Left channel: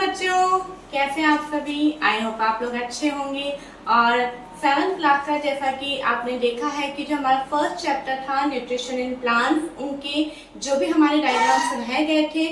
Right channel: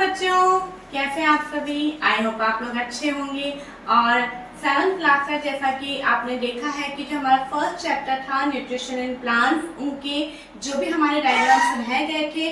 बच्चों, कैसे हैं आप सभी। आई होप आप लोग अच्छे होंगे। और 7th क्लास का जैसा कि आपने देखा है कि जो हमारा फर्स्ट चैप्टर था न्यूट्रिशन इन प्लांट्स, उनके जो भी हमारे डायग्राम्स रह गए थे,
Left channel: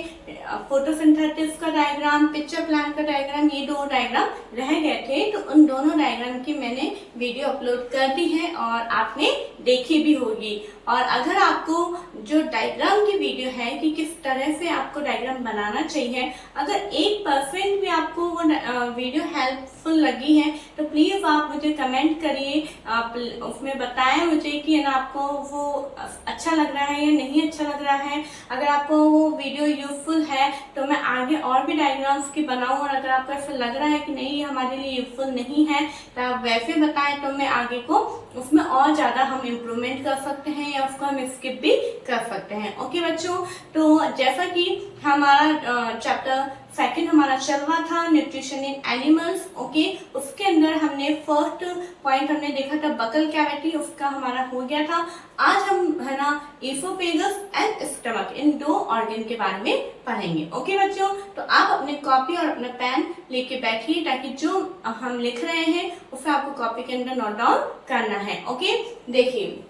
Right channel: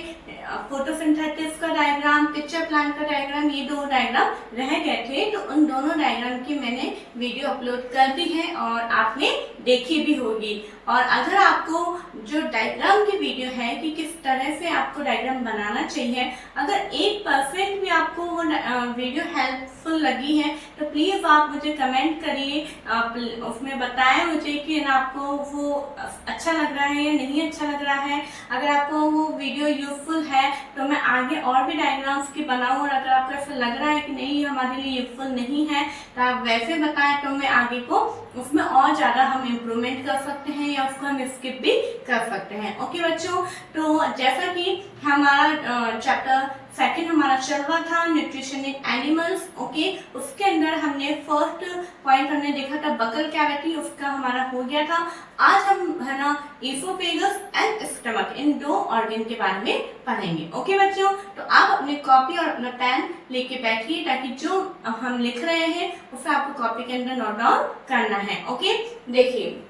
फोटोसिंथेसिस का डायग्राम, पिक्चर प्लांट का डायग्राम, ये दो डायग्राम रह गए थे। तो उन दोनों डायग्राम की मैंने वीडियो अपलोड कर दी है और आपने देखी भी होगी। और अगर आपको जो डायग्राम की वीडियो है कि किस तरह से आपको डायग्राम बनाना चाहिए, अगर 1% भी आपको वो वीडियो हेल्पफुल लगी है तो प्लीज आप मुझे कमेंट करिए, आप उसमें बताएं मुझे कि ना आपको वो अच्छा लग रहा है या नहीं अच्छा लग रहा है। अगर आपको वो वीडियो यूजफुल है तो मैं आगे और भी डायग्राम्स की बनाऊं, और अगर आपको ऐसा लग रहा है कि नहीं हमारे लिए यूजफुल नहीं है तो आप वैसे बताएं तो मैं आगे को उसमें और ज्यादा हम इम्प्रूवमेंट कर सकते हैं या उसको हम स्किप भी कर सकते हैं। ओके बच्चों, तो जैसा कि हमारा चैप्टर सेकंड हमारा चल रहा था न्यूट्रिशन इन एनिमल्स। ओके, उसके अंदर हमने फर्स्ट पॉइंट हमने देखा था बकल कैविटी, उसका हमारा हो गया था। आज हम है ना इसोफेगस एंड स्टमक, इन दो ऑर्गन के बारे में पढ़ेंगे। ओके बच्चों, तो आप अपने कॉपी और अपना पेन लेके बैठिए ताकि जो हम लिख रहे हैं उसे आपको कॉपी के अंदर नोट डाउन करना है। ओके, देखिए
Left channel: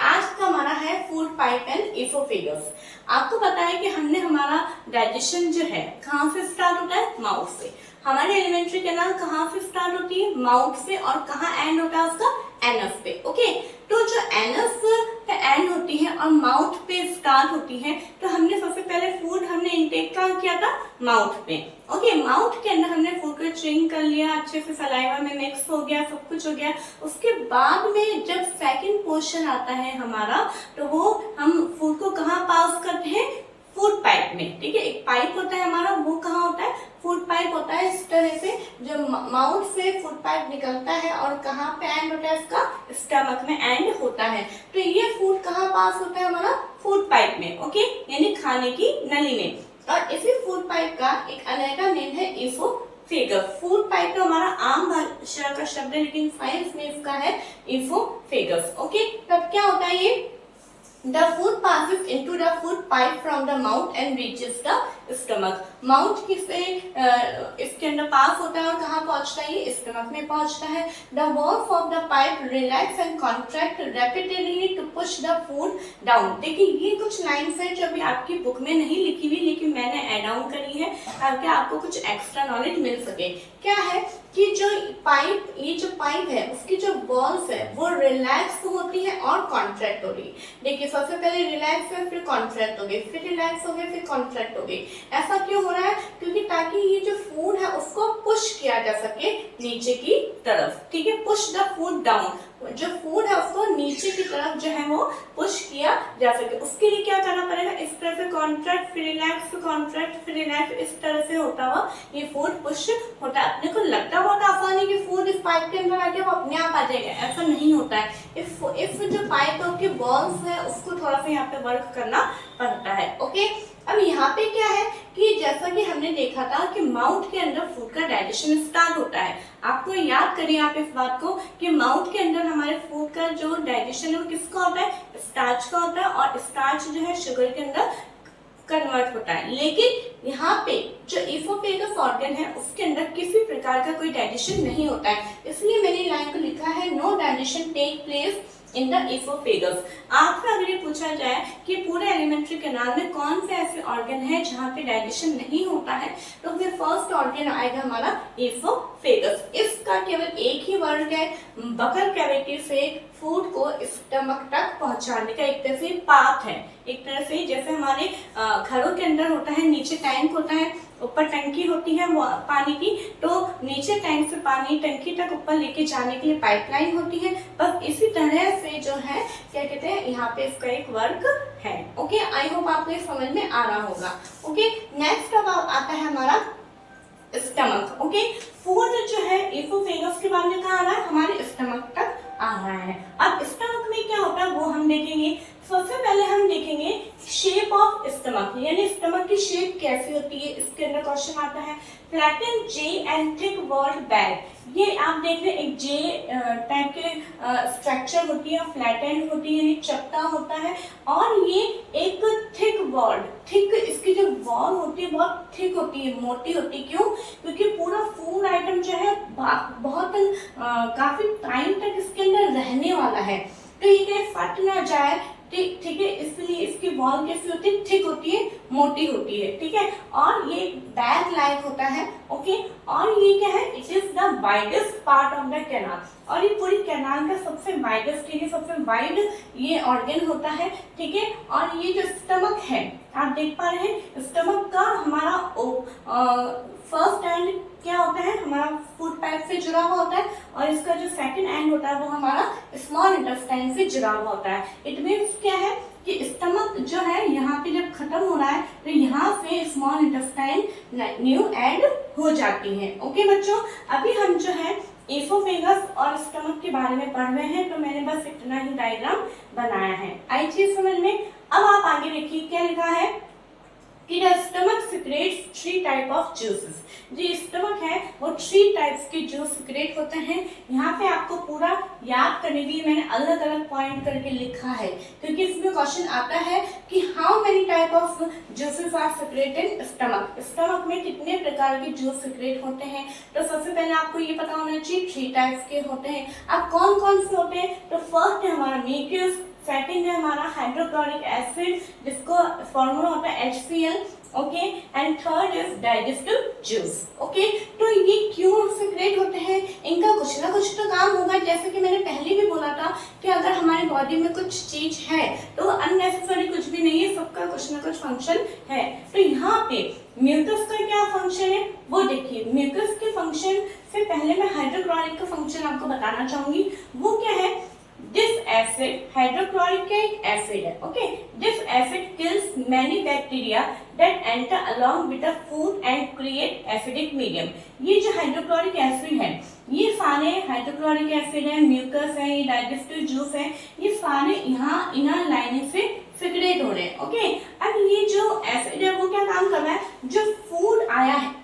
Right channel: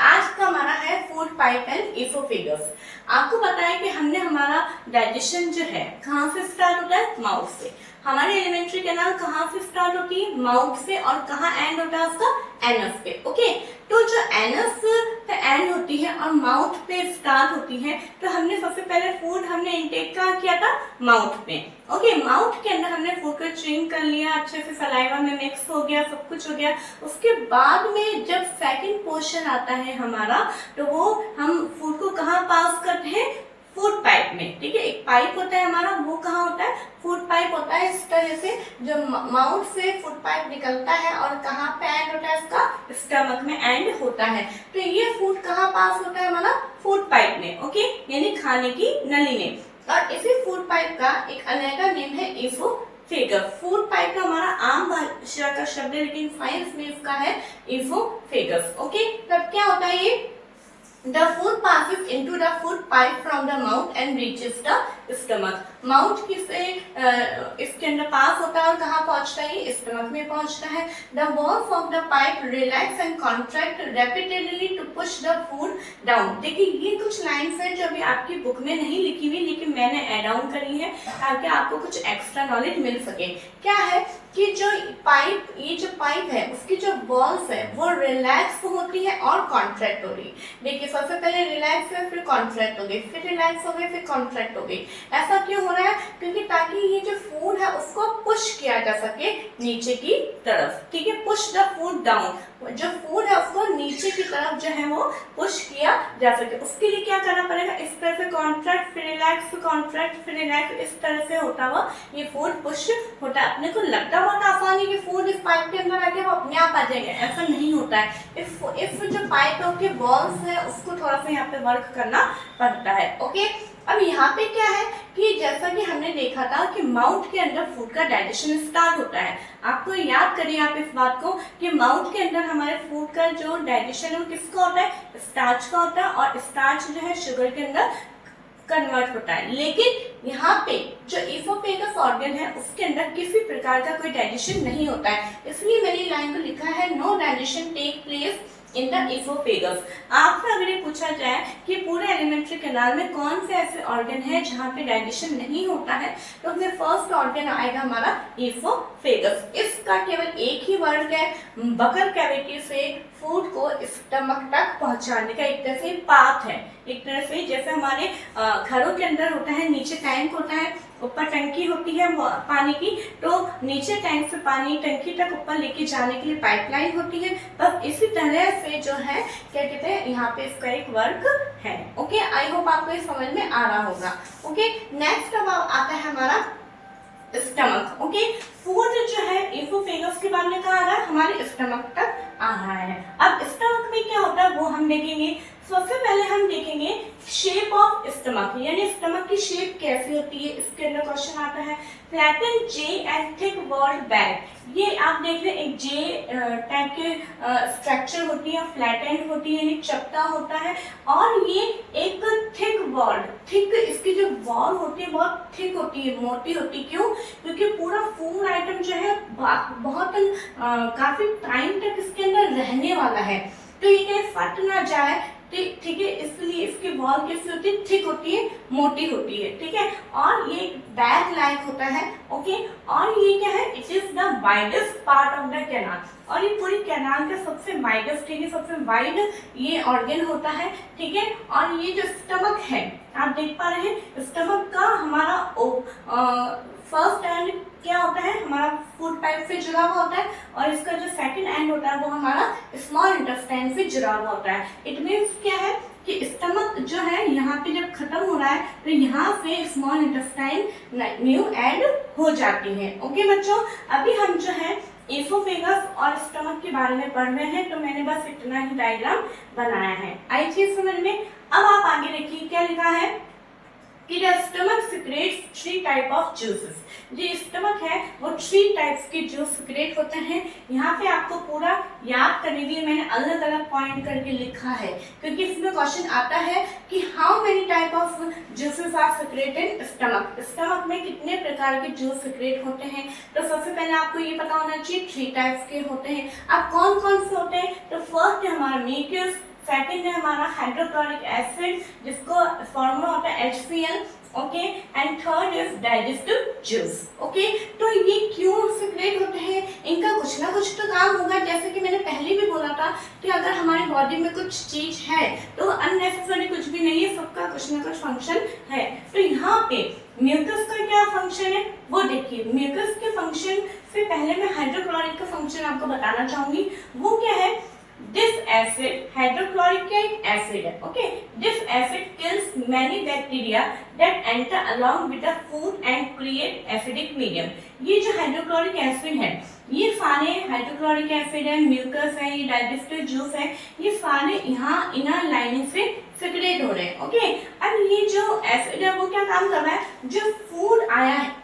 आज का हमारा है फूड पाइप एंड इसोफेगस। आपको पता है कि हमने हमारा डाइजेशन जो है कहाँ से स्टार्ट होता है, माउथ से। हमारी एलिमेंट्री कैनाल कहाँ से स्टार्ट होती है, माउथ से, और कहाँ एंड होता है उसका, एनस पे। ओके, तो जो एनस पे एंड होती है और माउथ पे स्टार्ट होती है, तो हमने सबसे पहले फूड हमने इंटेक कहाँ किया था, माउथ में। ओके, माउथ के अंदर हमने फूड को च्यूइंग कर लिया, अच्छे से सलाइवा में मिक्स हो गया, सब कुछ हो गया। उसके बाद में जब सेकंड पोर्शन आता है हमारा, तो वो हम फूड को कहाँ पास करते हैं, फूड पाइप में। ठीक है, एक पाइप होता है हमारा, वो कहाँ होता है, फूड पाइप होता है। इस तरह से जो माउथ से फूड पाइप निकलता है और कहाँ पे एंड होता है, इसका स्टमक में एंड होता है। तो ये फूड कहाँ पास होता है हमारा, फूड पाइप में। ओके, यानी खाने की नली में। और इसी फूड पाइप का एक अलग नेम है इसोफेगस। फूड पाइप तो हमारा आम भाषा का शब्द है, लेकिन साइंस में इसका है इसोफेगस। ओके, तब क्या होता है ये, The food passes into the food pipe from the mouth and reaches the stomach. Mouth किसे इसके अंदर पास होता है और कहाँ पहुँचता है, ये स्टमक में पहुँचता है। The walls of the pipe relax and contract rapidly to push the food down. देखिए ये कुछ लाइन्स हैं जो अभी आपकी बुक में नहीं लिखी हुई, लेकिन मैंने ऐड ऑन करी है ताकि आपको कुछ एक्स्ट्रा नॉलेज मिल सके। क्या है कि जो पाइप, ये जो पाइप है उसकी जो वॉल्स है वो रिलैक्स होती है और कॉन्ट्रैक्ट हो रही। देखिए सबसे पहले रिलैक्स है, फिर कॉन्ट्रैक्ट हो गई, फिर रिलैक्स हो गई, फिर कॉन्ट्रैक्ट हो गई। ऐसा क्यों हो रहा है, क्योंकि ताकि ये जो फूड है उसको पुश किया जा सके नीचे की तरफ। ठीक है, पुश द फूड डाउन, जो फूड है उसको नीचे की तरफ जो है वो पुश किया जा सके। उसके लिए क्या करना पड़ेगा, इस तरह से कॉन्ट्रैक्ट फिर रिलैक्स, कॉन्ट्रैक्ट फिर रिलैक्स, इस तरह से होता हुआ ये फूड पुश होता है। अपने को लगता बहुत आसान है कि फूड इस पाइप के अंदर आके वो अपने आप आ जाएगा, ऐसा नहीं होता है। इफ जो पाइप के वॉल्स है उसको थोड़ा सा यहाँ पे वर्क करना पड़ता है। ओके, अब यहाँ पे क्या है कि जैसा कि हमने देखा था कि माउथ के अंदर फूड का डाइजेशन स्टार्ट होता है। आपको याद करिए आप इस बात को कि माउथ के अंदर हमारे फूड का जो डाइजेशन है वो किसका होता है, स्टार्च का होता है, और स्टार्च जो है शुगर के अंदर कन्वर्ट होता है। लेकिन यहाँ पे जो इसोफेगस ऑर्गन है उसके अंदर किसी प्रकार का कोई डाइजेशन नहीं होता है, इसलिए मैंने लाइन को लिखा है no digestion take place in the oesophagus. आपसे अगर ये पूछा जाए कि पूरे एलिमेंट्री कैनाल में कौन से ऐसे ऑर्गन है जहाँ पे डाइजेशन नहीं होता है, तो फिर फर्स्ट ऑर्गन आएगा हमारा इसोफेगस। इसका केवल एक ही वर्क है, बकल कैविटी से फूड को स्टमक तक पहुंचाने का एक तरह से पाथ है। एक तरह से जैसे हमारे घरों के अंदर होता है, नीचे टैंक होता है, ऊपर टंकी होती है पानी की, तो नीचे टैंक से पानी टंकी तक ऊपर लेके जाने के लिए पाइपलाइन होती है। बस इसी तरह से जो है क्या कहते हैं, यहाँ पे इसका एक वर्क है। ओके, आई होप आपको ये समझ में आ रहा होगा। ओके, नेक्स्ट अब आता है हमारा स्टमक। ओके, फूड जो है इसोफेगस के बाद में कहाँ आ रहा है, हमारे स्टमक तक आ रहा है। अब स्टमक में क्या होता है वो हम देखेंगे। सबसे पहले हम देखेंगे शेप ऑफ स्टमक, यानी स्टमक की शेप कैसी होती है, इसके अंदर क्वेश्चन आता है। Flattened J and thick walled bag, ये आप देख रहे हैं एक जे टाइप के स्ट्रक्चर होती है, फ्लैटन होती है, ये चपटा होता है, और ये एक थिक वॉल्ड, थिक इसकी जो वॉल होती है बहुत थिक होती है, मोटी होती है। क्यों? क्योंकि पूरा फूड आइटम जो है बहुत काफी टाइम तक इसके अंदर रहने वाला है, तो ये कहीं फट ना जाए, ठीक है, इसलिए इसकी वॉल कैसी होती है, थिक होती है, मोटी होती है, ठीक है। और ये बैग लाइक होता है, ओके। और ये क्या है, it is the widest part of the canal, और ये पूरी कैनाल का सबसे वाइडेस्ट, ठीक है, सबसे वाइड ये ऑर्गन होता है, ठीक है। और ये जो स्टमक है आप देख पा रहे हैं, स्टमक का हमारा फर्स्ट एंड क्या होता है, हमारा फूड पाइप से जुड़ा हुआ होता है, और इसका जो सेकंड एंड होता है वो हमारा स्मॉल इंटेस्टाइन से जुड़ा हुआ होता है। इट मीन्स क्या है कि स्टमक जो है यहाँ पे जब खत्म हो रहा है तो यहाँ से स्मॉल इंटेस्टाइन न्यू एड हो जाती है। ओके बच्चों, अभी हम जो है एसोफेगस और स्टमक के बारे में पढ़ रहे हैं, तो मैंने बस इतना ही डायग्राम बनाया है। आई चीज समझ में। अब आप आगे देखिए क्या लिखा है कि the stomach secretes 3 type of juices. जो स्टमक है वो 3 टाइप्स के जूस सिक्रेट होते हैं। यहाँ पे आपको पूरा याद करने के लिए मैंने अलग अलग पॉइंट करके लिखा है, क्योंकि इसमें क्वेश्चन आता है कि how many type of juices are secrete in stomach, stomach में कितने प्रकार के जूस सिक्रेट होते हैं। तो सबसे पहले आपको ये पता होना चाहिए 3 टाइप्स के होते हैं। अब कौन कौन से होते हैं, तो फर्स्ट है हमारा म्यूकस, सेकंड है हमारा हाइड्रोक्लोरिक एसिड जिसको फॉर्मूला होता है HCl, okay, and third is digestive juice. Okay, तो ये क्यों सिक्रेट होते हैं, इनका कुछ ना कुछ तो काम होगा। जैसे कि मैंने पहले भी बोला था कि अगर हमारी बॉडी में कुछ चीज है तो अननेसेसरी कुछ भी नहीं है, सबका कुछ ना कुछ फंक्शन है। तो यहाँ पे म्यूकस का क्या फंक्शन है वो देखिए। म्यूकस के फंक्शन से पहले मैं हाइड्रोक्लोरिक का फंक्शन आपको बताना चाहूंगी। वो क्या है, this acid, hydrochloric acid, okay, this acid kills many bacteria that enter along with the food and create acidic medium। ये जो हाइड्रोक्लोरिक एसिड है, ये सारे हाइड्रोक्लोरिक एसिड है, म्यूकस है, ये डाइजेस्टिव जूस है, ये सारे यहाँ इनर लाइनिंग से सिक्रेट हो रहे हैं, ओके। अब ये जो एसिड है वो क्या काम कर रहा है, जो फूड आया है,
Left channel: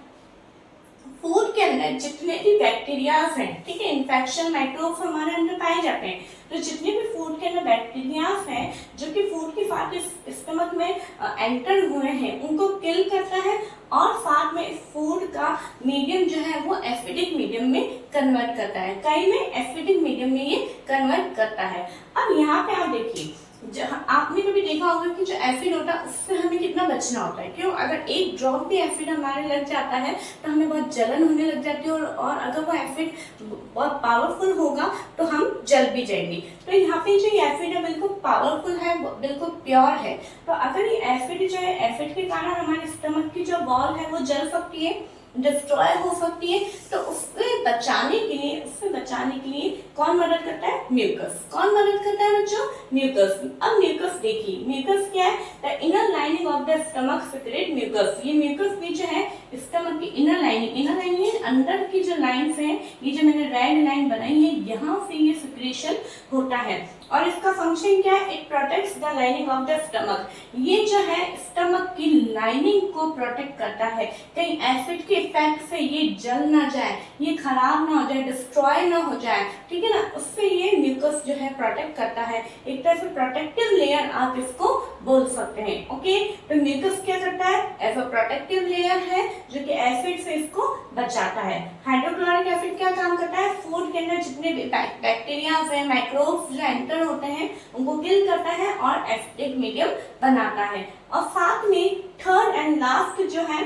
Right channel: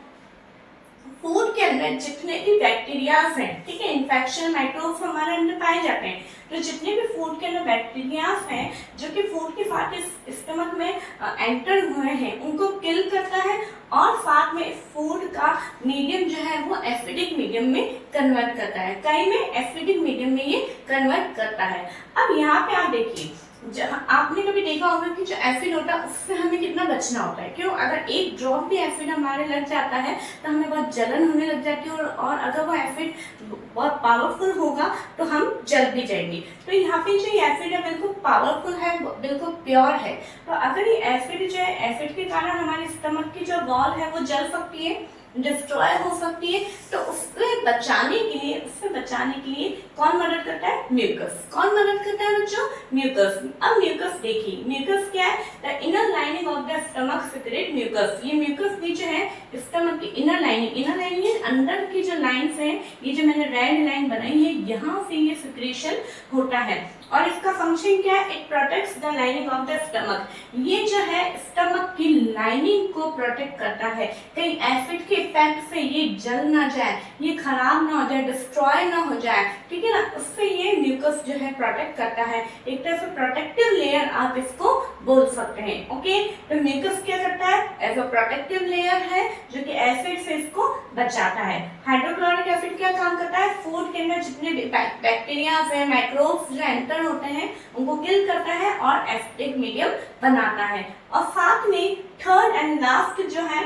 फूड के अंदर जितने भी बैक्टीरियाज हैं, ठीक है, इन्फेक्शन माइक्रोब्स हमारे अंदर पाए जाते हैं, तो जितने भी फूड के अंदर बैक्टीरियाज हैं जो कि फूड के साथ इस स्टमक में एंटर हुए हैं उनको किल करता है, और साथ में इस फूड का मीडियम जो है वो एसिडिक मीडियम में कन्वर्ट करता है, कई में एसिडिक मीडियम में ये कन्वर्ट करता है। अब यहाँ पे आप देखिए, आपने कभी देखा होगा कि जो एसिड होता है उससे हमें कितना बचना होता है। क्यों? अगर एक ड्रॉप भी एसिड हमारे लग जाता है तो हमें बहुत जलन होने लग जाती है, और अगर वो एसिड बहुत पावरफुल होगा तो हम जल भी जाएंगे। तो यहाँ पे जो एसिड है बिल्कुल पावरफुल है, बिल्कुल प्योर है। तो अगर ये एसिड जो है, एसिड के कारण हमारे स्टमक की जो वॉल है वो जल सकती है, डिस्ट्रॉय हो सकती है, तो उससे बचाने के लिए कौन मदद करता है, म्यूकस। कौन मदद करता है बच्चों, म्यूकस। अब म्यूकस देखिए, म्यूकस क्या है, the inner lining of the stomach secrete mucus. ये म्यूकस भी जो है स्टमक की इनर लाइनिंग अंदर की जो लाइंस हैं, ये जो मैंने रेड लाइन बनाई है, यहाँ से ये सिक्रेशन होता है। और इसका फंक्शन क्या है, it protects the lining of the stomach. ये जो है स्टमक की लाइनिंग को प्रोटेक्ट करता है, कहीं एसिड के इफेक्ट से ये जल ना जाए, ये खराब ना हो जाए, डिस्ट्रॉय ना हो जाए, ठीक है ना, उससे ये म्यूकस जो है प्रोटेक्ट करता है। एक तरह से प्रोटेक्टिव लेयर आप इसको बोल सकते हैं, ओके। तो म्यूकस क्या करता है, एज अ प्रोटेक्टिव लेयर है जो कि एसिड से इसको बचाता है। हाइड्रोक्लोरिक एसिड क्या काम करता है, फूड के अंदर जितने भी बैक्टीरिया है, माइक्रोब्स जो एंटर होते हैं उनको किल करता है और एसिडिक मीडियम बनाता है। और साथ में थर्ड एंड लास्ट जो है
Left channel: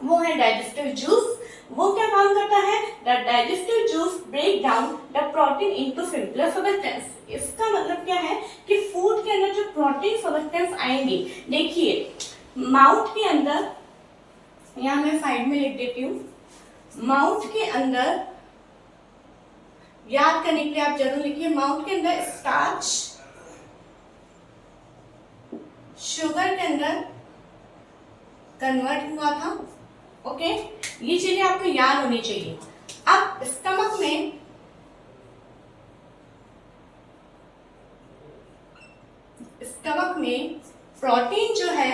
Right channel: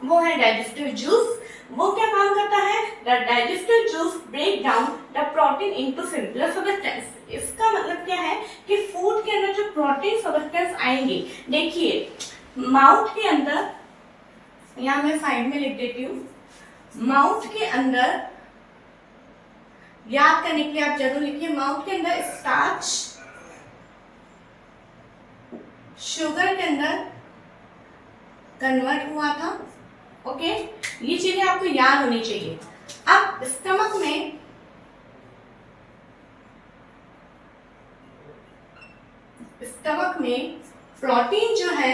वो है डाइजेस्टिव जूस। वो क्या काम करता है, the digestive juice break down the protein into simpler substance. इसका मतलब क्या है कि फूड के अंदर जो प्रोटीन सब्सटेंस आएंगे, देखिए माउथ के अंदर, यहाँ मैं साइड में लिख देती हूँ, माउथ के अंदर याद करने के लिए आप जरूर लिखिए, माउथ के अंदर स्टार्च शुगर के अंदर कन्वर्ट हुआ था, ओके। ये चीजें आपको याद होनी चाहिए। अब स्टमक स्टमक में प्रोटीन जो है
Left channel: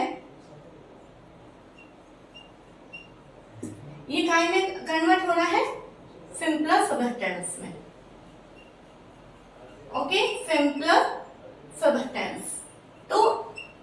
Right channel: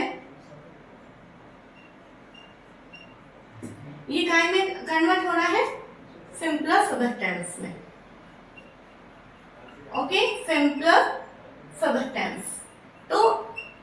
ये काय में कन्वर्ट हो रहा है, सिंपलर सबस्टेंस में। Okay, simpler substance. तो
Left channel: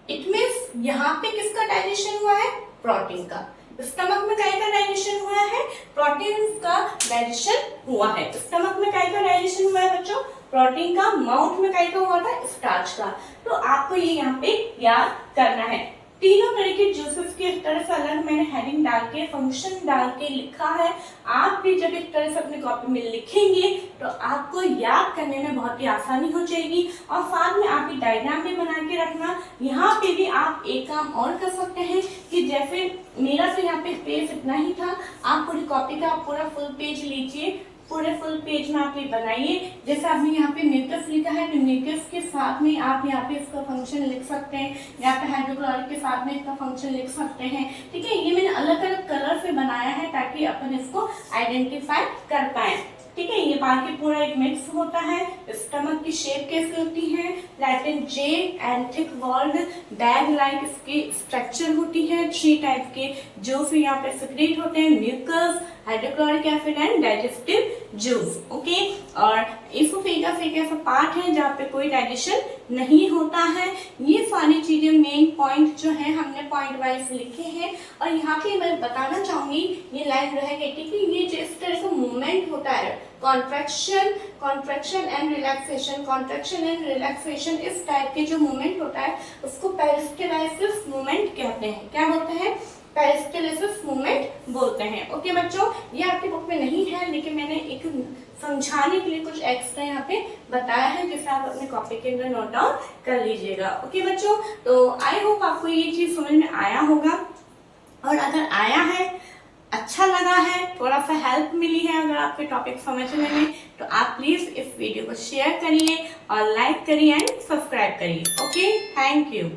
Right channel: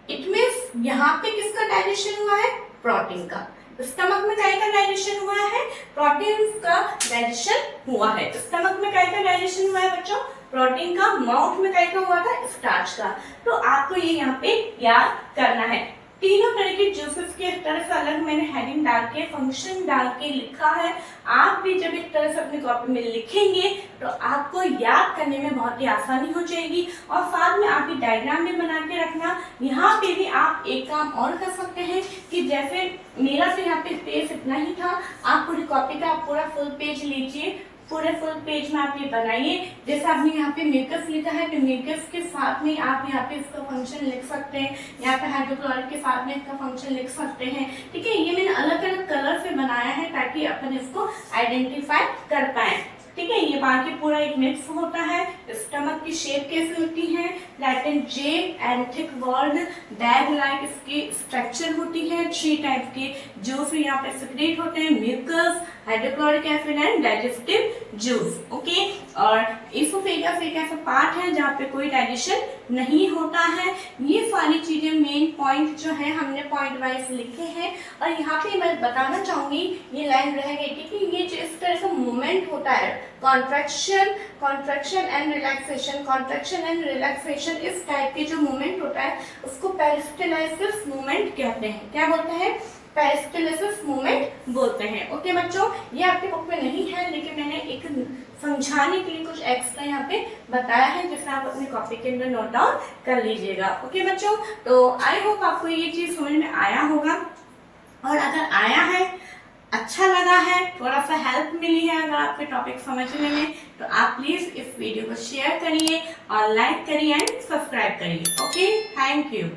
इट मीन्स यहाँ पे किसका डाइजेशन हुआ है, प्रोटीन का। स्टमक में काय का डाइजेशन हुआ है, प्रोटीन का डाइजेशन हुआ है। स्टमक में काय का डाइजेशन हुआ है बच्चों, प्रोटीन का। माउथ में काय का हुआ था, स्टार्च का। तो आपको ये यहाँ पे याद करना है। तीनों तरह के जूसेस के इस तरह से अलग मैंने हेडिंग डाल के, फंक्शन डाल के लिखा है। आप भी जब इस तरह से अपनी कॉपी में लिखेंगे तो आपको याद करने में बहुत ही आसानी हो जाएगी। और साथ में आपकी डायग्राम भी बना के रखना। यहाँ पे भी आप एक काम और कर सकते हैं कि जैसे मेरा तो यहाँ पे पेज इतना ही था, आप पूरी कॉपी का आप पूरा फुल पेज लीजिए, पूरे फुल पेज में आप ये बनाइए। जैसे आपने यहाँ पे म्यूकस लिखा है तो म्यूकस के साथ में आप यहाँ पे इसका फंक्शन लिख सकते हैं, यहाँ पे हाइड्रोक्लोरिक के साथ में इसका फंक्शन लिख सकते हैं। ठीक है, ये मैंने अलग अलग कलर से बनाया है ताकि अपन इसको आइडेंटिफाई कर पाए। ठीक है, ये बाकी पूरा एक मिक्स होता है। स्टमक की शेप कैसे होती है, Latin J and thick walled bag like इसकी स्ट्रक्चर होती है। 3 टाइप के जो फिर यहाँ पे सिक्रेट होते हैं, mucus, hydrochloric acid and digestive juice. Okay, और इसोफेगस एक ऐसा पार्ट है जहाँ पे कोई डाइजेशन नहीं होता है। ये सारी चीजें मेन पॉइंट जो है हमने पॉइंट वाइज लिखे हैं। और यहाँ पे मैं बताना चाहूंगी, ये लाइन रह गई थी कि ये जो इस तरह से मूवमेंट होता है, contraction and relaxation, contraction and relaxation, इस टाइप के जो मूवमेंट होता है उसको पेरिस्टलाइसिस मूवमेंट कहते हैं। क्या बोलते हैं, पेरिस्टलाइसिस मूवमेंट बोलते हैं। ओके बच्चों, ये आपकी बुक में नहीं है लेकिन मैंने एक समझाने के लिए कुछ एक्स्ट्रा यहाँ पे बताया है जिसे आप अपनी कॉपी के अंदर नोट डाउन कर लीजिएगा। ओके बच्चों, तो आई होप आपको ये चीज समझ में आया होगा। और अगर आया है, अच्छा लगा है, थोड़ा सा हेल्प मिली है अगर आपके टॉपिक समझने में, तो आप प्लीज इस वीडियो को शेयर करिए और लाइक करिए एंड सब्सक्राइब करिए। Okay, thank you.